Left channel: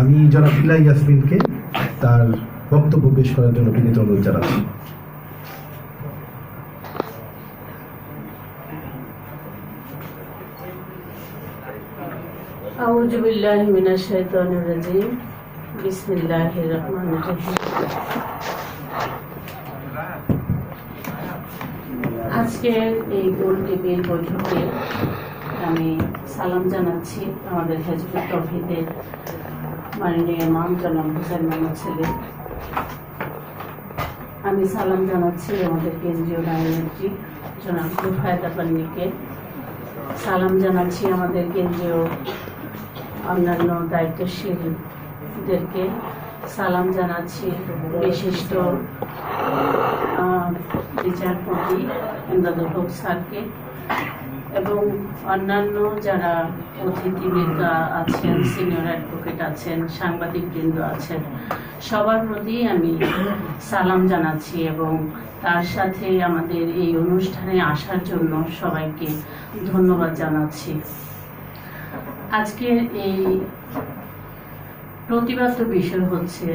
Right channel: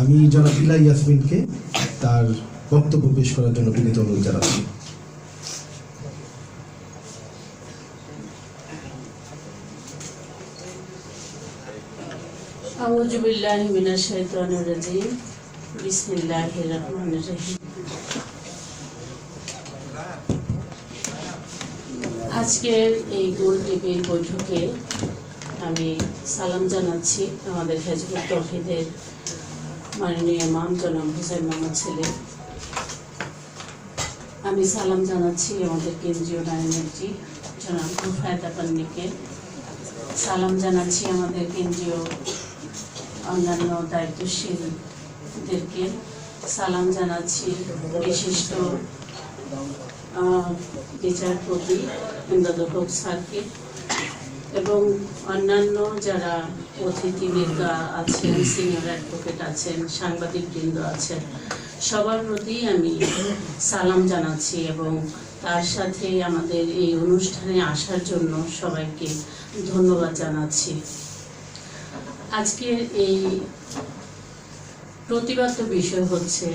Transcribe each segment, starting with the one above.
আমি জনাব ইলা ইয়াসমিনকে তার বক্তব্য পেশ করার জন্য বিনীত অনুরোধ জানাচ্ছি। আউযু বিল্লাহি মিনাশ শাইতানির রাজিম। বিসমিল্লাহির রহমানির রহিম। আজকের এই গোল টিভির বৈঠকে আমি সালাম জানাচ্ছি আমাদের হেজবুত তৌহিদের মাননীয় ইমাম জনাব হুসাইন মোহাম্মদ সেলিম। আমি সালাম জানাচ্ছি আমাদের কেন্দ্রীয় নায়কমন্ত্রী জনাব রুফায়েত আপান্নিকে। সালাম জানাচ্ছি আমাদের কেন্দ্রীয় অন্যান্য দায়িত্বশীলদেরকে। সালাম জানাচ্ছি বিশিষ্ট বিচারপতি ইমদাদুল হক স্যারকে এবং অন্যান্য যারা অতিথিবৃন্দ আছেন, সিনিয়র অ্যাডভোকেট আছেন, সাংবাদিকবৃন্দ আছেন, সবার প্রতি আমি সালাম জানাচ্ছি এবং তার সাথে আমাদের এই অনুষ্ঠানে আসার জন্য সবাইকে ধন্যবাদ জানাচ্ছি। আজকের এই প্রতিবাদ্য বিষয় হচ্ছে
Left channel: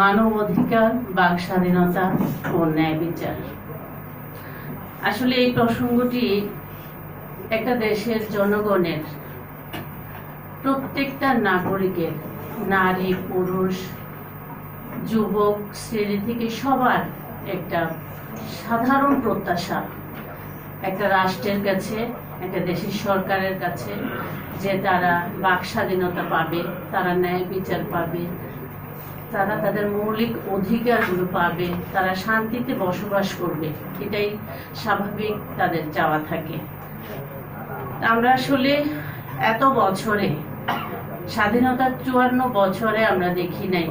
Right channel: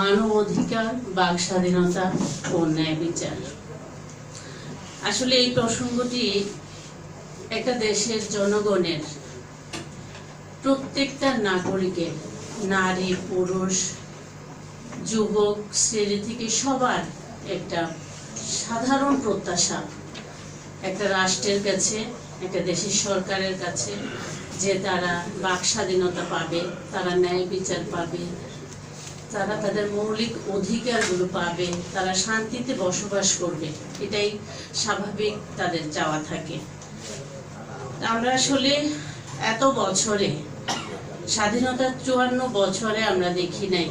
মানব অধিকার, বাক স্বাধীনতা ও ন্যায় বিচার। আসলে এই প্রসঙ্গটি একটা দেশের জনগণের, প্রত্যেকটা নাগরিকের, নারী পুরুষ যুবক শ্রেণী থেকে সবার একটা সাধারণ প্রত্যাশা একটা রাষ্ট্রের কাছে, একটা দেশের সরকারের কাছে, যে তারা বাক স্বাধীনতা পাবে, তারা ন্যায় বিচার পাবে, তারা তাদের মৌলিক অধিকারগুলো পাবে, তারা শান্তিতে বসবাস করবে। এটাই স্বাভাবিক তাদের চাওয়া থাকে। আমরা আসলে এত বছরে, স্বাধীনতার 54 বছরে আমরা দেখি নাই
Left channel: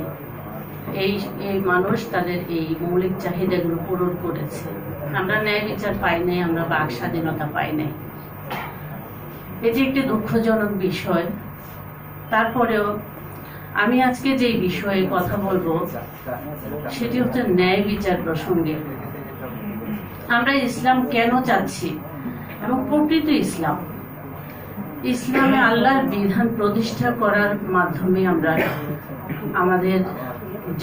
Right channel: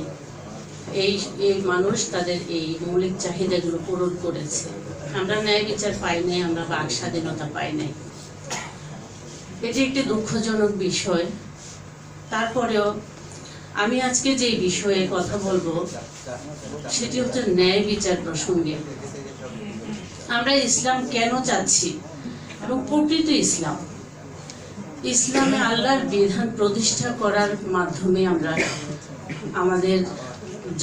এই মানুষ তাদের এই মৌলিক চাহিদাগুলো পূরণ করেছে। আমরা ন্যায় বিচার পাই নাই, আমরা বাক স্বাধীনতা পাই নাই। এটি একটি দুঃখজনক বিষয়। তারপরেও আমি আজকে যে বিষয়ে কথা বলবো সেটি হচ্ছে ন্যায় বিচার প্রসঙ্গে। আমরা ইসলাম কেন চাচ্ছি এবং প্রকৃত ইসলামে আল্লাহর বিধান প্রতিষ্ঠা করার মাধ্যমে আমরা আমাদের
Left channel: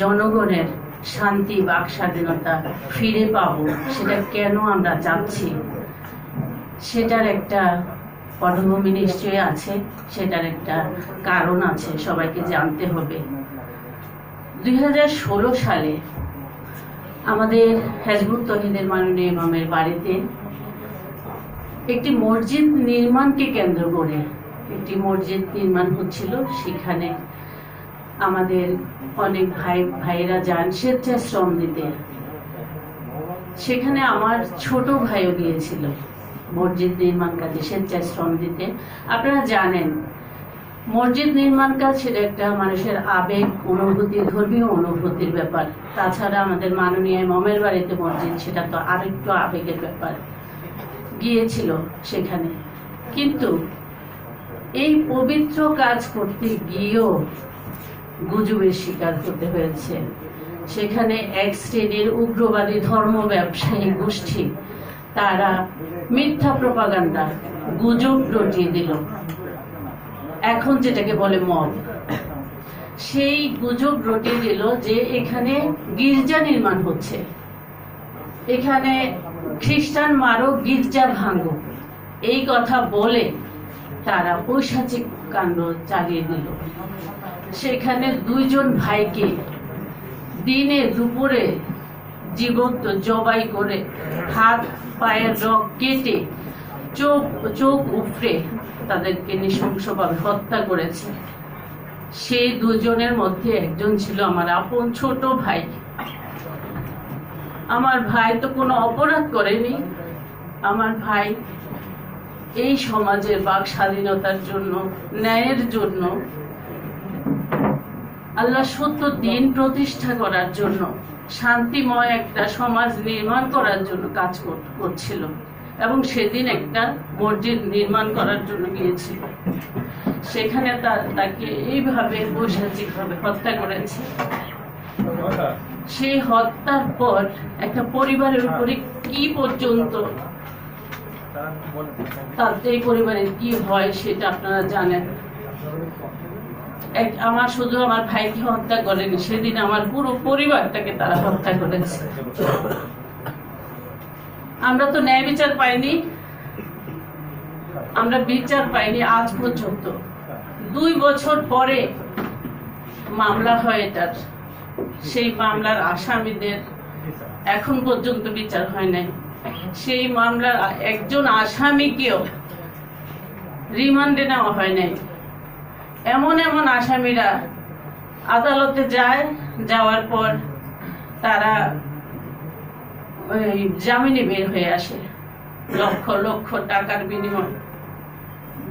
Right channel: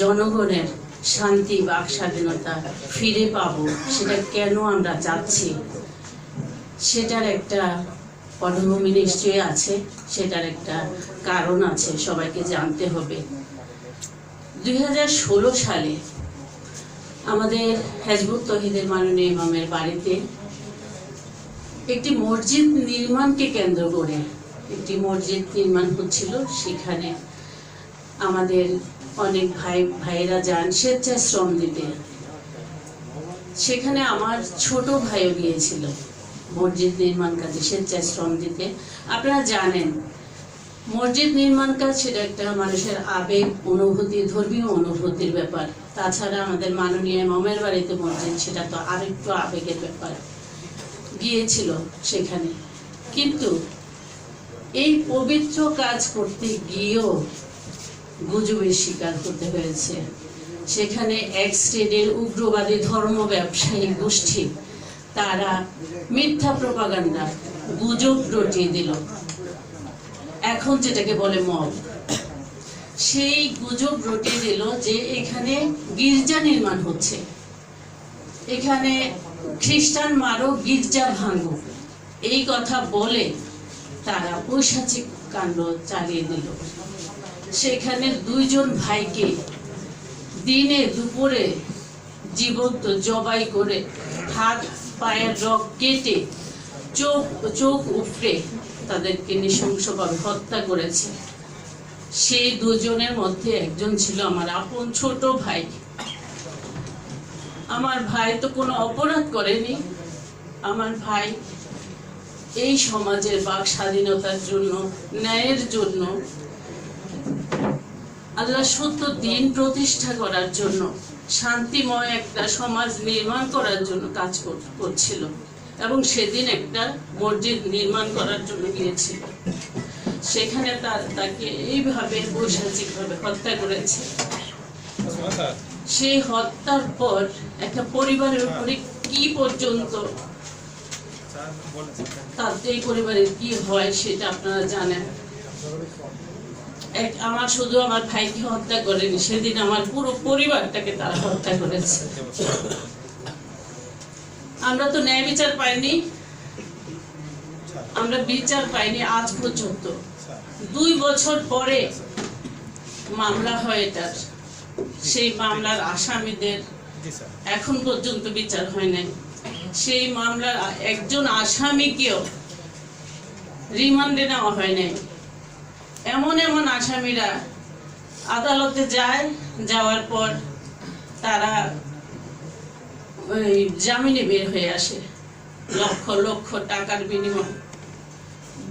জনগণের শান্তি, বাক স্বাধীনতা ফিরে পাবো, সেটা কেন আমরা চাচ্ছি সেটার একটা পটভূমি নিশ্চয়ই আছে, সেটার একটা কারণ আছে, সবাইকে জানতে হবে। 2016 সালে আমাদের হেজবুত তৌহিদের মাননীয় ইমামের বাড়িতে একটি মসজিদ নির্মাণকে কেন্দ্র করে একটি মসজিদ নির্মাণ হচ্ছিল। সেখানে আমাদের অনেক ভাইরা যান স্বেচ্ছায় শ্রম দিতে। সেখানে আমার ছোট ভাইও গিয়েছিল মসজিদ নির্মাণ কাজে স্বেচ্ছায় শ্রম দিতে। আপনারা জানেন মসজিদ নির্মাণ কাজ সেটা একটা মানুষের আবেগ, অনুভূতি, ধর্মীয় অনুভূতির ব্যাপার। তাছাড়া আমাদের মাননীয় ইমামের বাড়িতে মসজিদ, সেটা তো আরেকটু আবেগের ব্যাপার। গিয়েছিল সেখানে, কিন্তু এই পবিত্র কাজ করতে গিয়েও গুজবের শিকার হতে হয়েছে। সেখানে এক শ্রেণীর উগ্রবাদী ধর্ম ব্যবসায়ী গোষ্ঠী তারা মিথ্যা প্রপাগান্ডা, গুজব রটিয়ে দিল, এখন যেটাকে বলে মব। সেই গুজব রটিয়ে দিল যে এখানে গির্জা নির্মাণ হচ্ছে, এখানে খ্রিস্টান মারো, গির্জা ভাঙো, এই কথা বলে তারা পৈশাচিক কাণ্ড চালিয়ে দিল। সেখানে 2 জন ভাইকে দিনে দুপুরে জীবন্ত জবাই করে হাত পায়ের রক কেটে চোখ উপড়ে তাদেরকে নৃশংসভাবে হত্যা করেছে। সেই 2 জনের মধ্যে একজন ছিল আমার আপন ছোট ভাই। আমার ভাই তো কোনো অপরাধ করেনি। আমার ভাই এই সমাজের বাক স্বাধীনতার জন্য, ন্যায়ের জন্য, আল্লাহ সত্য দিন প্রতিষ্ঠা করার জন্য, শান্তিময় একটা সমাজ নির্মাণ করার জন্য কাজ করছিল এবং সেদিন একটা মসজিদ নির্মাণ করার জন্য গিয়েছিল। সেখানে তাকে এইভাবে বৈশাচিকভাবে হত্যা করেছে। সেই হত্যার পর একটা পরিবারের উপরে কি পর্যন্ত তাদের পরিবারের কি হয় সেটা আপনারা জানেন। আমার শুধু আমার ভাইকে হত্যা করেনি, সেদিন আমার পুরো পরিবারটাকে তারা হত্যা করেছে। আমরা তো ন্যায় বিচার পাইনি, আমরা বিচার পাইনি আজ পর্যন্ত। 2 বছর পরে মামলা হয় এটার, সেই মামলার আসামিদের এখন পর্যন্ত বিচার হয় নাই। সেই মামলার একজন আসামিকেও রিমান্ডে নেওয়া হয় নাই। এমন এমন আসামিরা আদালতে যায়, যাওয়ার পর তারা জামিনে বের হয়ে আসে লক্ষ লক্ষ টাকার বিনিময়ে।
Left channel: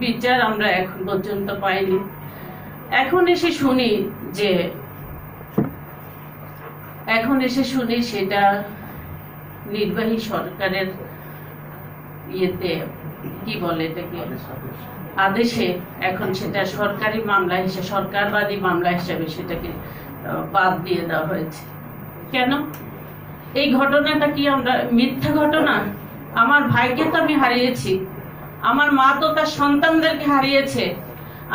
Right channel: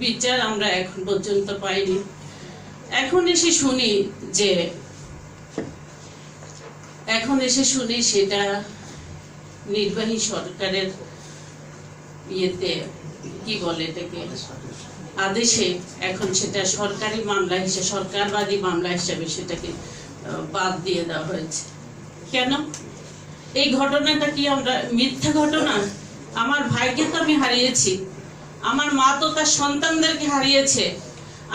বিচার আমরা এখন পর্যন্ত পাইনি। এখন এসে শুনি সেটা নির্বাহী সরকারের ইয়েতে কি বলে এটাকে আদেশে এখন সেটা সরকারি মামলা হিসেবে, সরকারবাদী মামলা হিসেবে সেটাকে বাদ দিয়ে দেওয়া হয়েছে। কেন? এই ঘটনাটা কি আমরা মিথ্যা ঘটনা? আমার ভাইকে তো আমি হারিয়েছি, আমার মা তো তার সন্তানদেরকে হারিয়েছে।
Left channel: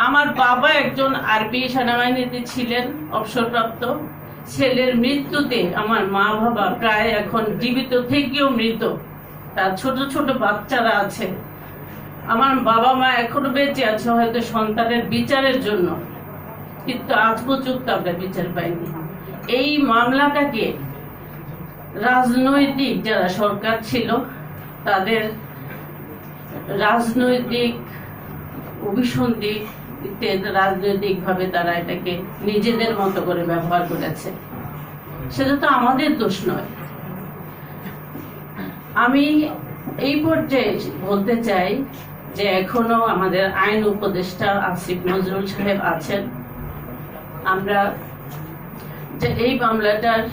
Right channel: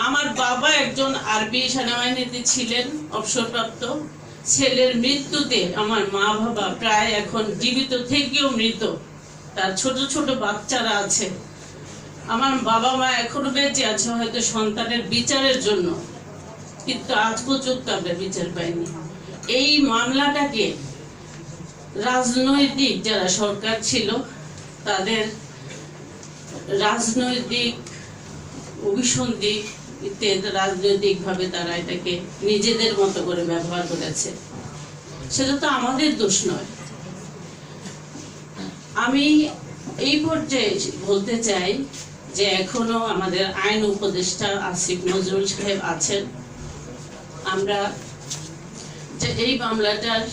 আমার বাবা একজন আরবি সেনাবাহিনীতে ছিলেন, অবসরপ্রাপ্ত। ছেলের মৃত্যুতে আমার মা বাবা প্রায় এখন জীবিত থেকেও মৃত, তার ছোট ছোট বাচ্চারা আছে। আমার বাবা মা এখনো বেঁচে আছে হয়তো সন্তানের বিচারের জন্য, কিন্তু আজ পর্যন্ত আমরা বিচার পাইনি। এই মামলাটাকে রাজনৈতিক যারা সরকার ছিল তাদের রাজনৈতিক অভিসন্ধি, রাজনৈতিকভাবে তারা এটাকে নিজেদের মতো করে ব্যবহার করেছে। সেটা তো আমাদের দোষ নয়। আমি এই পর্যায়ে বলতে চাই যে এখনো আমাদের আইন উপদেষ্টা আসিফ নজরুল সাহেব আছেন। আমরা যে এই মামলাটার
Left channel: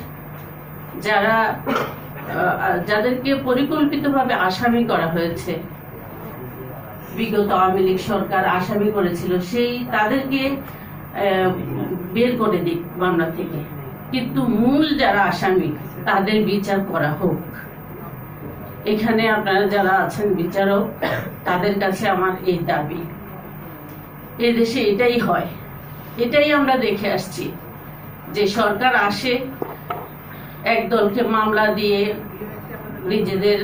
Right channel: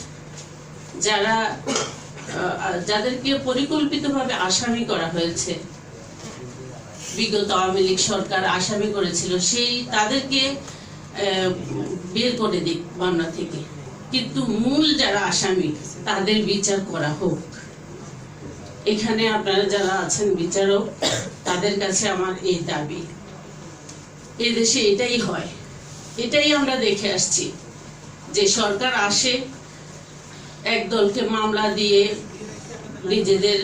যাদেরকে পরিকল্পিতভাবে আসামি করা হয়েছে, বিগত আওয়ামী লীগ সরকার আসামি করেছিল, তাদেরকে বের করে দিক মামলা থেকে, কিন্তু মূল যারা আসামি তাদের বিচার করা হোক। এখানে আপনারা যারা আছেন বিচারক, তাদের কাছে আমার এই দাবি। এই দেশে এটাই হয়, এটাই আমরা দেখে আসছি যে সরকার আসে, একদলকে মামলা দিয়ে নিজেদের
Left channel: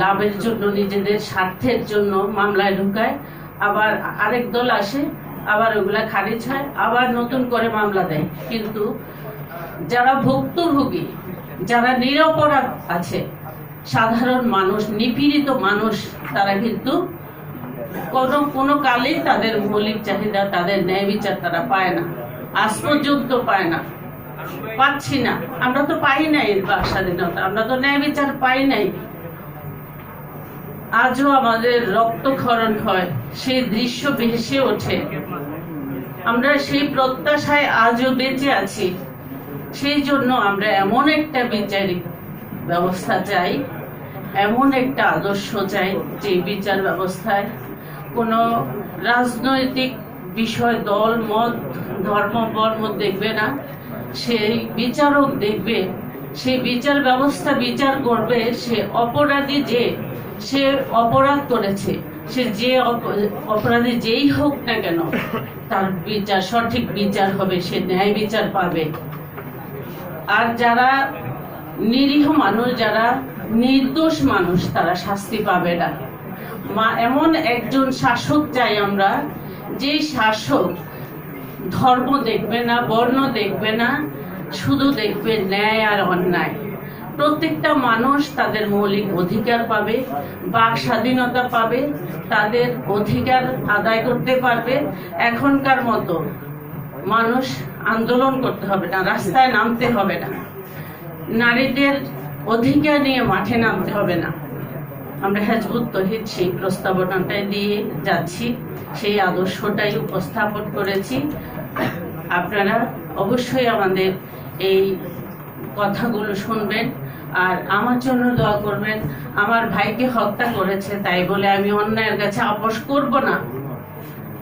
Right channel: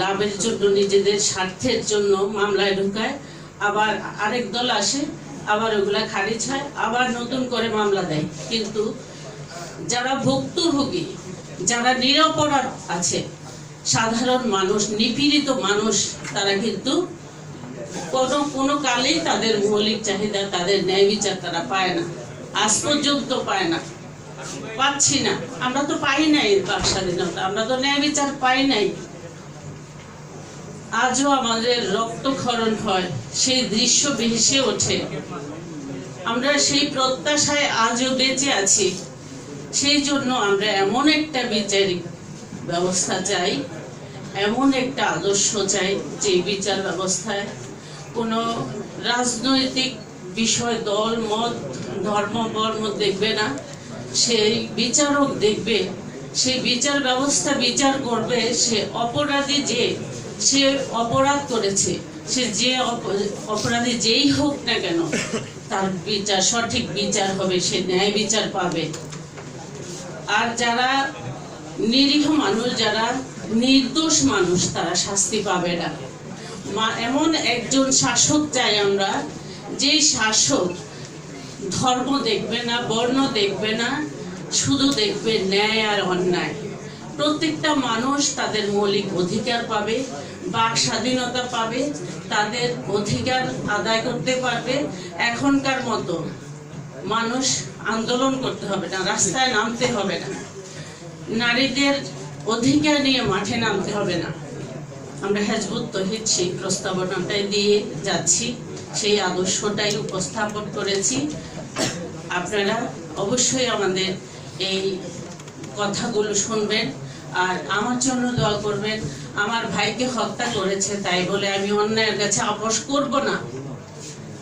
লাভের জন্য, নিজেদের স্বার্থের জন্য মামলায় ঢুকায়, আবার আরেক দল আসে, আবার ওগুলা খারিজ হয়, আবার নতুন করে মামলা দেয়। কিন্তু যারা ভুক্তভোগী, যারা নিরপরাধ আছে, সাধারণ মানুষ, নিপীড়িত মানুষ, তারা কিন্তু কোনো কালেই তাদের মৌলিক চাহিদা, তাদের ন্যায় বিচার তারা পায় না, আজ পর্যন্ত পায় না, পাচ্ছি না। আমরা তো পাই নাই বাক স্বাধীনতা, আমরা তো ন্যায় বিচার পাই নাই। আজও আমাদের রক্তক্ষরণ হয়, সেই দৃশ্য ভেসে ওঠে। আমরা সেই প্রত্যাশায় আজও বেঁচে আছি। সেই জন্য আমরা এমন একটা বিচারিক ব্যবস্থা চাই, এমন একটা আদর্শ চাই যে বিচার ব্যবস্থায় কোনো রাজনৈতিক বিষয়, দল মত, ধর্ম বর্ণ দেখবে না। সেই বিচারক দেখবে, সেই বিচার ব্যবস্থা বিচার করবে সে অপরাধী, সে অপরাধ করেছে, সে যে অপরাধী যেই হোক না কেন, তার বিচার, সঠিক বিচার হবে, সে ন্যায় বিচার পাবে। আর যারা নিরীহ মানুষ, যারা নির্দোষ মানুষ, তারা শাস্তি পাবে না। এমন একজন শাসক চাই আমরা, যে শাসক ধর্ম দেখবে না, বর্ণ দেখবে না, শুধু দেখবে ন্যায় আর অন্যায়। প্রত্যেকটা মানুষ তাদের মৌলিক অধিকার পাবে, বাক স্বাধীনতা পাবে, তাদের অধিকার আদায় করতে পারবে। এখনকার মতো মানুষ আন্দোলন করতে হবে না, রাস্তায় নামতে হবে না, নারীদের অধিকার নিয়ে মাঠে নামতে হবে না। আমরা হিজবুত তৌহিদ সেই প্রস্তাবনাটাই দিয়ে যাচ্ছি, সেই আদর্শটাই উপস্থাপন করেছি। আপনারা অবশ্যই আমাদের এই কথাগুলো শুনবেন আর আমার জন্য দোয়া করবেন। আমার ভাইকে হত্যা করেছে তাই বলে আমি অন্যায়ের কাছে আপোষ করব না,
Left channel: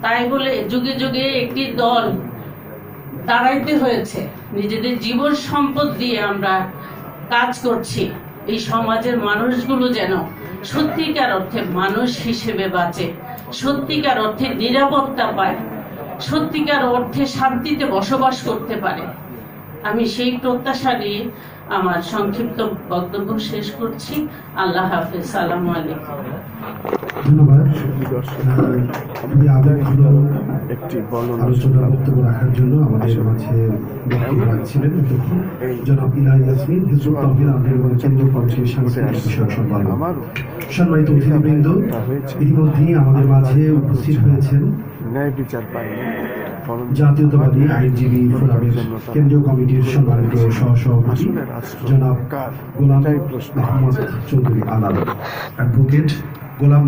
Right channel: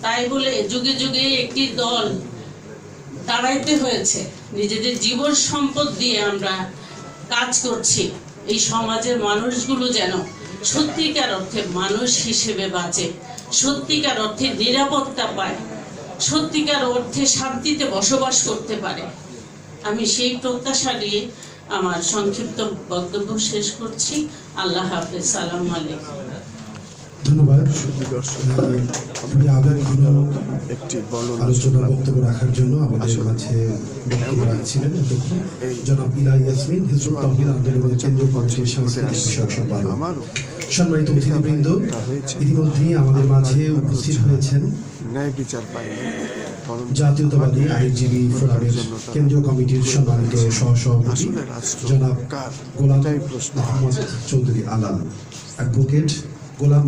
তাই বলে যুগে যুগে একটি দল দাঁড়াইতে হয়েছে। নিজেদের জীবন সম্পদ দিয়ে আমরা কাজ করছি এই সমাজের মানুষগুলো যেন সত্যিকার অর্থে মানুষ হিসেবে বাঁচে, সত্যিকার অর্থে নিরাপত্তা পায়, সত্যিকার অর্থে শান্তিতে বসবাস করতে পারে। আমি সেই প্রত্যাশা নিয়ে আমার সংক্ষিপ্ত বক্তব্য শেষ করছি। আল্লাহ হাফেজ। সালামু আলাইকুম। ধন্যবাদ খুবই আবেগঘন একটি বর্ণনা আলোচনা শুনলাম। বক্তব্য রাখার জন্য আমাদের মাঝে বক্তব্য রাখছিলেন অধ্যক্ষ জনাব ইলা ইয়াসমিন, হিজবুত তাওহীদ আন্দোলনের কেন্দ্রীয় কমিটির সাংস্কৃতিক বিষয়ক সম্পাদক। আমারও সম্মানিত অতিথিবৃন্দ, ইতিমধ্যেই আমাদের মাঝে উপস্থিত হয়েছেন ন্যায় বিচার পাইনি, বরং জাতীয়তাবাদী আইনজীবী ফোরামের কেন্দ্রীয় কমিটির সম্মানিত সহসভাপতি আসলে রাষ্ট্র জনাব কার? গোলাম এটাই প্রশ্ন। মোহাম্মদ চৌধুরী আলাল, অ্যাডভোকেট গোলাম